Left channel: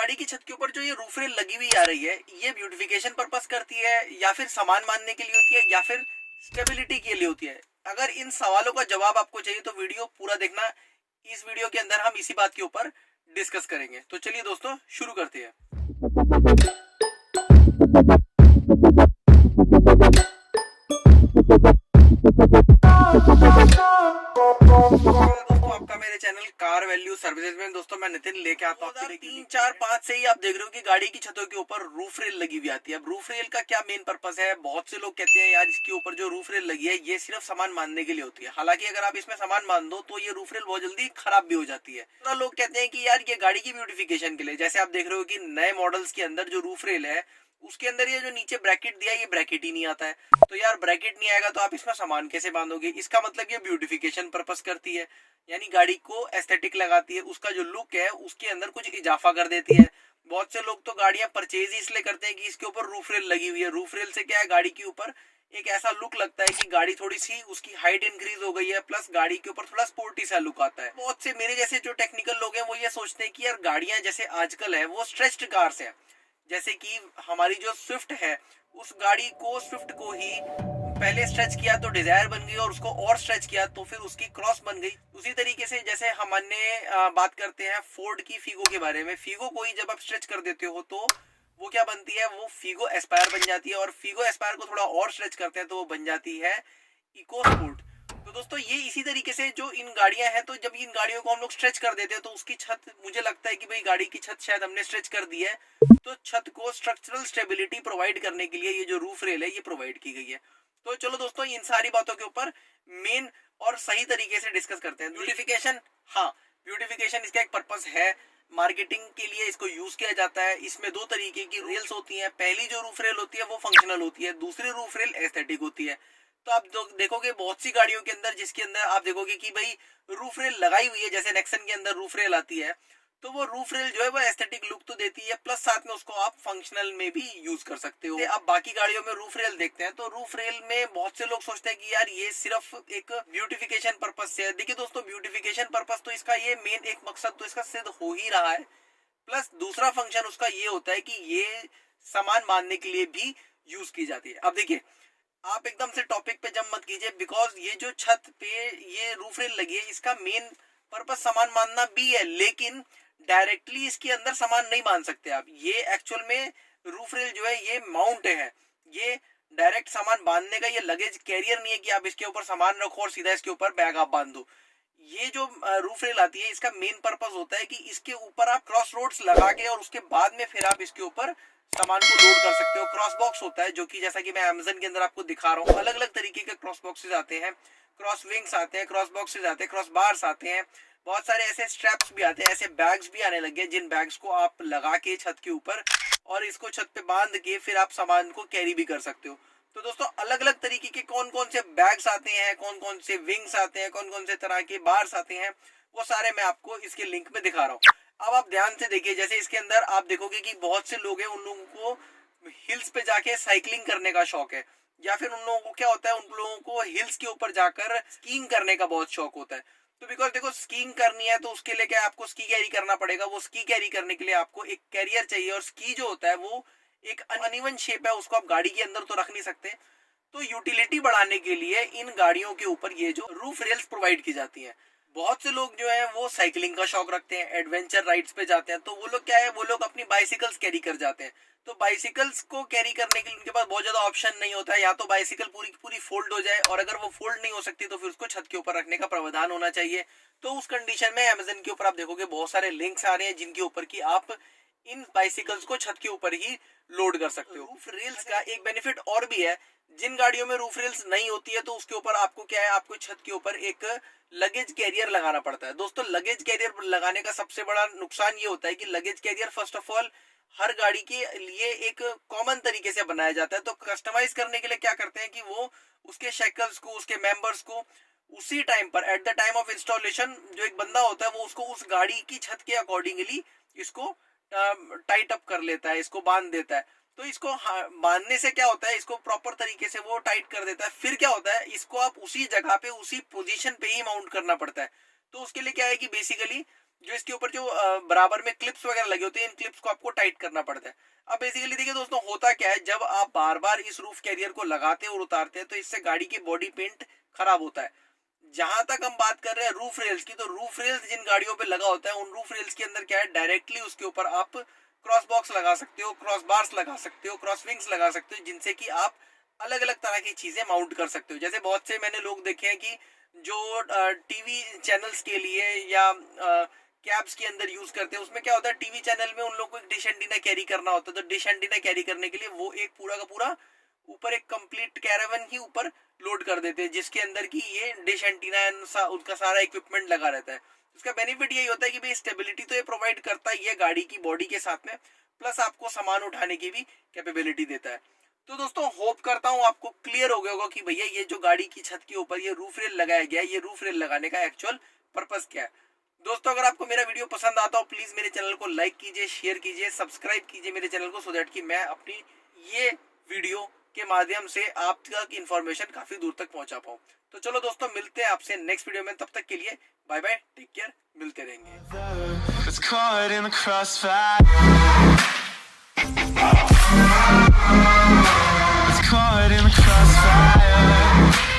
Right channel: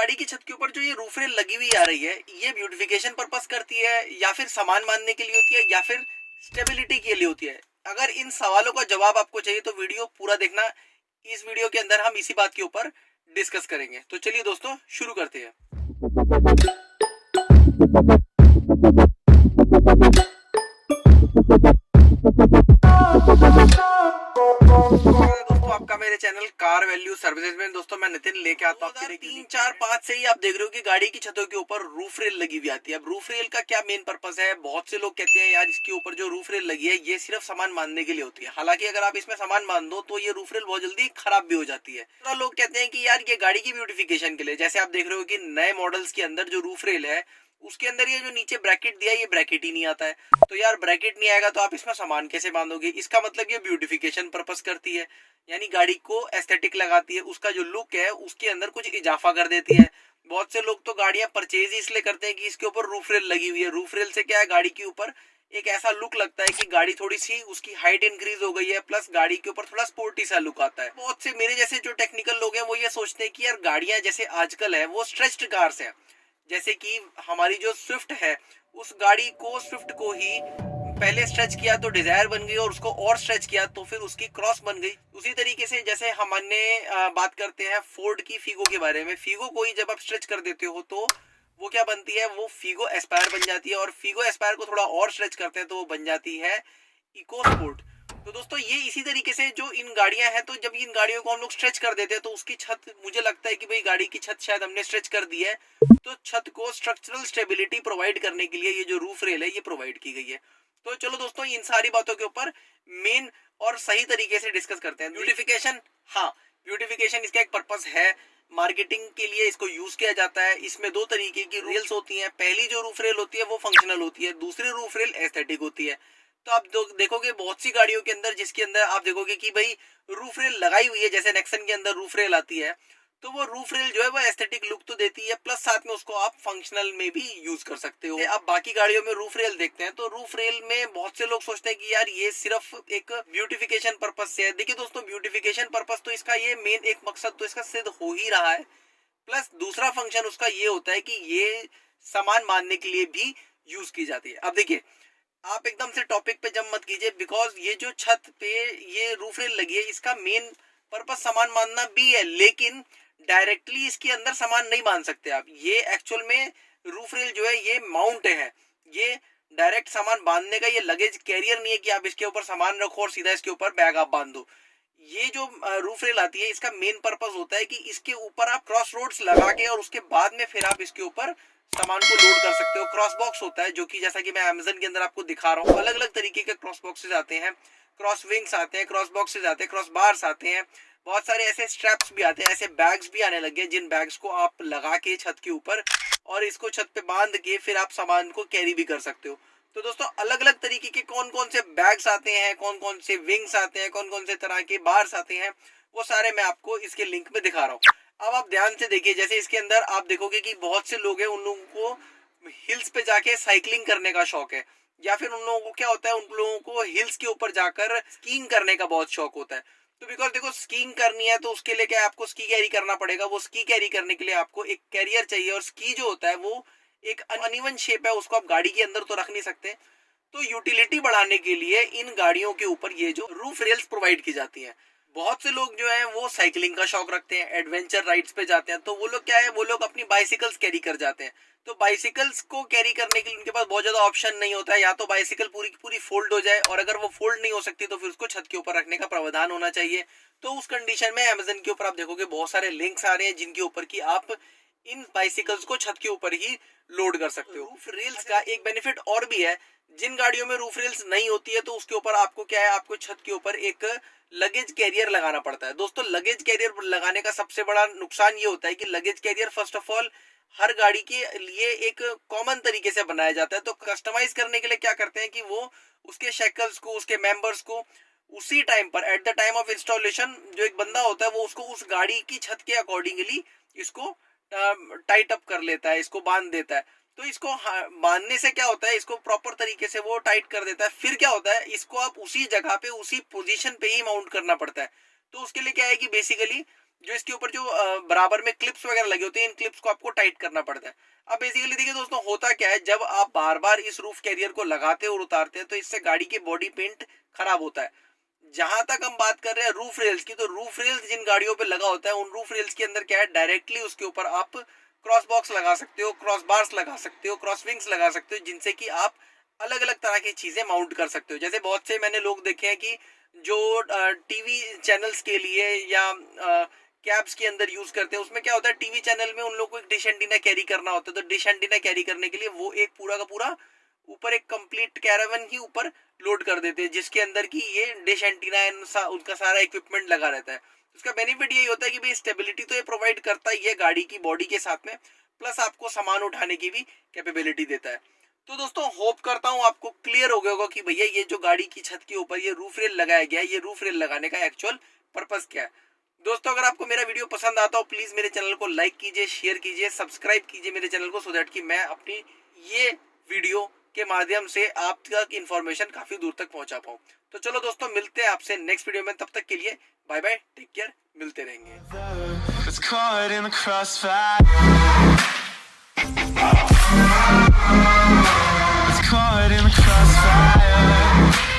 गाड़ी की छत के ऊपर जो ये रूफ रेल लगी हुई आ रही है, ये ब्यूटिफिकेशन पर्पस करती है या फिर सामान बांधने के लिए होती है या फिर स्टेबिलिटी के लिए होती है? अगर इन सवालों का जवाब आपको चाहिए तो वीडियो पूरा देखना। इस वीडियो के अंदर हम इसी बात के ऊपर डिस्कस करेंगे। तो चलिए दोस्तों शुरू करते हैं। दोस्तों आपका मेरे चैनल कार वैल्यू सर्विसेज में दोस्तों मैं नितिन लेके आता हूँ। 3-4-5 से ही आप देख रहे हो कि गाड़ी की छतों के ऊपर रूफ रेल लगी हुई आती है। अब रूफ रेल का क्या मेन पर्पस है? बहुत से लोग कहते हैं यार इसके ऊपर जो रूफ रेल लगी है ये सिर्फ सामान बांधने के लिए होती है। हालांकि अगर आप इसमें सामान बांध दो तो ये रूफ रेल बहुत जल्दी खराब भी हो जाती है। तो लोग कहते हैं कि यार ये गाड़ी की ब्यूटिफिकेशन के लिए, जैसे आप देख रहे हो कि नए मॉडल्स के अंदर जो रूफ रेल है उसके अंदर ये जो नीचे ब्रैकेट दिया है ये ब्रैकेट ही नहीं आता है। तो यार ब्रैकेट नहीं आएगा तो आप इसमें सामान कैसे बांधोगे? इसका मतलब ये ब्यूटिफिकेशन पर्पस करती है, यानी गाड़ी को एस्थेटिक लगाती है, उसका जो लुक है उसके अंदर कुछ इजाफा कर देती है। बहुत से लोग तो गाड़ियां परचेज ही इसलिए करते हैं कि इसके ऊपर रूफ रेल लगी हुई है। रूफ रेल से क्या है, गाड़ी के ऊपर एक ऐसा लुक लगता है कि गाड़ी थोड़ी सी उसकी हाइट इंक्रीज हो गई है, प्लस गाड़ी के ऊपर थोड़ा स्पोर्टी सा लुक आता है। बहुत से मेरे जैसे जो टेक्निकल लोग हैं वो ये सोचते हैं कि यार गाड़ियां जैसे आजकल है वो स्ट्रेच्ड कार्स है, जैसे कि हमारी जो स्विफ्ट है उस गाड़ी को स्विफ्ट को ही पहले स्ट्रेच किया तो डिजायर बन गई और उसको और स्ट्रेच किया तो फिर उसकी क्रॉस बन गई। उसी तरीके से जैसे हमने बात करते हैं फोर्ड की फिगो के बारे में, फिगो को ही जब आप स्ट्रेच कर देते हो तो वो क्या बनती है, वो फिगो एस्पायर बन जाती है, और फिगो एस्पायर को थोड़ा और स्ट्रेच करते हैं तो वो बन जाती है इको स्पोर्ट। तो दोस्तों ये इसी तरीके से जो इन गाड़ियां हैं, तो जब इन गाड़ियों को हम लोग स्ट्रेच कर देते हैं तो उसकी छत, मुझे लगता है कि भाई गाड़ी की छत शायद हमने स्ट्रेच कर दी है, तो छत को स्ट्रक्चरल स्टेबिलिटी प्रोवाइड करने के लिए ये जो रूफ रेल है ये प्रोवाइड की गई है। तो चलो दोस्तों इन सारी बातों के ऊपर मेन और सही तरीके से डिस्कस करते हैं। ब्यूटिफिकेशन, हाँ ब्यूटिफिकेशन इसका एक पर्पस है, मार्केटिंग के लिए इसको यूज किया जाता है। इसमें दो तरीके की रेल्स होती हैं, पहली जो रूफ रेल होती है वो फंक्शनल होती है, दूसरी रूफ रेल एस्थेटिक होती है। तो आप देखोगे बहुत सी गाड़ियों के अंदर जिसके अंदर आप देखोगे कि भाई रूफ रेल लगाई हुई है, जैसे नेक्सन के अंदर रूफ रेल आती है, तो वो रूफ रेल जो है वो एस्थेटिक लुक तो देती है, प्लस साथ में उसको आप फंक्शनल में भी यूज कर सकते हो। आप बाकी गाड़ियों में रूफ रेल देखते हैं तो रूफ रेल में बहुत से लोग सोचते हैं कि यार ये सिर्फ एक ब्यूटिफिकेशन पर्पस से है। देखिए दोस्तों ब्यूटिफिकेशन पर्पस तो इसका ये मेन एक मकसद तो इसका सिद्ध हो ही रहा है, प्लस दूसरा फंक्शन उसका ये होता है कि ये सामान बांधने के लिए भी यूज की जाती है। अब देखिए आप एकदम से टॉपिक पे जंप मत कीजिए, बिकॉज ये जो छत पे ये रूफ रेल लगी है इसका मेन पर्पस सामान बांधना भी है, लेकिन डायरेक्टली इसके अंदर सामान नहीं बांध सकते आप। ये एक्चुअल में रूफ रेल जो है ये माउंट है, ये डायरेक्ट सामान बांधने का ये लगेज कैरियर नहीं है कि आप इसके ऊपर सामान रखो और सीधा इसके ऊपर बैग आप बांध दो। ये जो रूफ रेल आती है इसका मेन पर्पस होता है कि इसके ऊपर आप क्रॉस रोड्स लगा के और उसके बाद में फिर आप इसके ऊपर सामान को लोड कर सकते हो। क्रॉस बॉक्स होता है जो कि जैसा कि मैं अमेज़न के अंदर आपको दिखा रहा हूँ, अलग अलग तरीके के क्रॉस बॉक्सेस आते हैं, क्रॉस विंग्स आते हैं, क्रॉस बॉक्सेस आते हैं, क्रॉस बार्स आते हैं, बहुत सारे ऐसे स्ट्रैप्स भी आते हैं, ऐसे बैग्स भी आने लगे हैं जिन बैग्स को आप लगा के छत के ऊपर और इसको छत पे बांध के फिर आप सामान को कैरी भी कर सकते हो। तो दोस्तों अलग अलग तरीके के कौन कौन से बैग्स आते हैं, कौन कौन से विंग्स आते हैं, कौन कौन से तरह के बार्स आते हैं, वो सारे मैं आपको इसके लिंक में दिखा रहा हूँ। अब आप ध्यान से देखिए, जैसे इसके अंदर आप देखोगे कि बहुत से लोग हैं, उन लोगों को हिल्स पे जाके साइकिलिंग करने का शौक है, या फिर उन लोगों को क्या होता है, उन लोगों को हिल्स के ऊपर जाकर स्कीइंग करने का बहुत शौक होता है। तो बिकॉज देखो स्कीइंग करनी है तो उसके लिए क्या है, आपको स्की कैरी करना पड़ेगा। वो स्की कैरी करने के लिए आपको एक कैरियर चाहिए, और स्की जो होता है वो एक अनइवन शेप है, उसको आप गाड़ी के अंदर तो रख नहीं सकते। तो यूटिलिटी बढ़ाने के लिए इन गाड़ियों के ऊपर ये जो रूफ रेल्स प्रोवाइड की जाती हैं। बहुत से लोग जो हैं वो साइकिलिंग का शौक रखते हैं, एडवेंचर राइड्स पे जाते हैं, तो वो लोग क्या है, वो लोग अपनी बाइसिकल्स कैरी कर जाते हैं। तो बाइसिकल्स को कैरी करने के लिए उनके पास बहुत ज्यादा ऑप्शन नहीं होता है, या तो बाइसिकल पूरी की पूरी फोल्ड हो जाए, और अगर वो फोल्ड नहीं हो सकती तो फिर उसको छत के ऊपर रखने का प्रावधान होना चाहिए। तो उस कंडीशन में अमेज़न के ऊपर आप देखोगे बहुत सारे लिंक्स आ रहे हैं जिनके ऊपर की आप इन बाइसिकल्स को छत के ऊपर ही लोड कर सकते हो। रूफ रेल्स का एक बेनिफिट और भी है, जिन गाड़ियों में रूफ रेल्स नहीं होती है तो उसके ऊपर आपको क्या है, आपको छत के ऊपर एक लगेज कैरियर लगाना पड़ता है। दोस्तों लगेज कैरियर लगाने का सबसे बड़ा नुकसान ये होता है कि luggage carrier first of all हर गाड़ी के लिए एक कॉमन तरीके से बनाया जाता है। तो कस्टमाइज करने के लिए क्या करते हैं कि वो उसके शेकल्स को, उसके मेंबर्स को उसी टाइम पर at the time of installation जो एक बंदा होता है वो उसको उस गाड़ी की छत के अकॉर्डिंगली इसको टाइट अप कर लेता है, इसको बांध देता है। तो इसको बांधने से क्या होता है, इसको प्रॉपर तरीके से वो टाइट कर देता है। फिर क्या होता है, इसको आप उसी जगह पे उसी पोजीशन पे ही माउंट करना पड़ता है। तो उसके लिए क्या है कि बेसिकली जो इसके ऊपर जो बराबर में क्लिप्स वगैरह लगे होते हैं, इन क्लिप्स को आपको टाइट करना पड़ता है। अब बेसिकली देखिए दोस्तों, होता क्या है, जब आप बार बार इस रूफ कैरियर को लगाते और उतारते हैं तो इससे गाड़ी की बॉडी पेंट खराब होता है। जहां तक हम बात कर रहे हैं रूफ रेल्स की, तो रूफ रेल्स जिन गाड़ियों पे लगा होता है, उन रूफ रेल्स के अंदर क्या है, डायरेक्टली उसके ऊपर आप क्रॉस बॉक्स लगा सकते हो, क्रॉस बार्स लगा सकते हो, क्रॉस विंग्स लगा सकते हो, जिनसे कि आप अलग अलग तरह की चीजें माउंट कर सकते हो। जैसे बहुत से मैंने लोग देखे हैं कि जो टीवी चैनल्स के लिए या कैब्स के अंदर यूज करते हैं, उसमें क्या होता है, टीवी चैनल में उन लोगों को एक डिश एंटीना कैरी करना होता है, तो डिश एंटीना कैरी करने के लिए वो एक पूरा का पूरा ऊपर एक कंप्लीट कैरावन ही ऊपर लोड कर देते हैं, जिसके अंदर की ये डिश एंटीना उनका सारा इक्विपमेंट लगा रहता है। उसका बेनिफिट यही होता है कि भाई स्टेबिलिटी तो ये प्रोवाइड करता ही है गाड़ी की बॉडी के साथ में, प्लस आपको सामान उठाने की भी कैपेबिलिटी देता है। तो दोस्तों होप करता हूँ आपको क्लियर हो गया होगा कि भैया ये जो गाड़ी की छत के ऊपर ये रूफ रेल लगाया गया है, ये रूफ रेल लगाने का एक्चुअल पर्पस क्या है। दोस्तों अगर आपको मेरा वीडियो पसंद आता हो, प्लीज मेरे चैनल को लाइक कीजिए, शेयर कीजिए, सब्सक्राइब कीजिए मेरे चैनल को, सो दैट कि मैं अपनी ये वीडियो के माध्यम से आप तक इंफॉर्मेशन काफी दूर तक पहुंचा पाऊं। तो चलो दोस्तों, मिलते हैं आपसे नेक्स्ट वीडियो में, तब तक के लिए बाय बाय, टेक केयर, मिलते रहेंगे। Caught in the crossfire.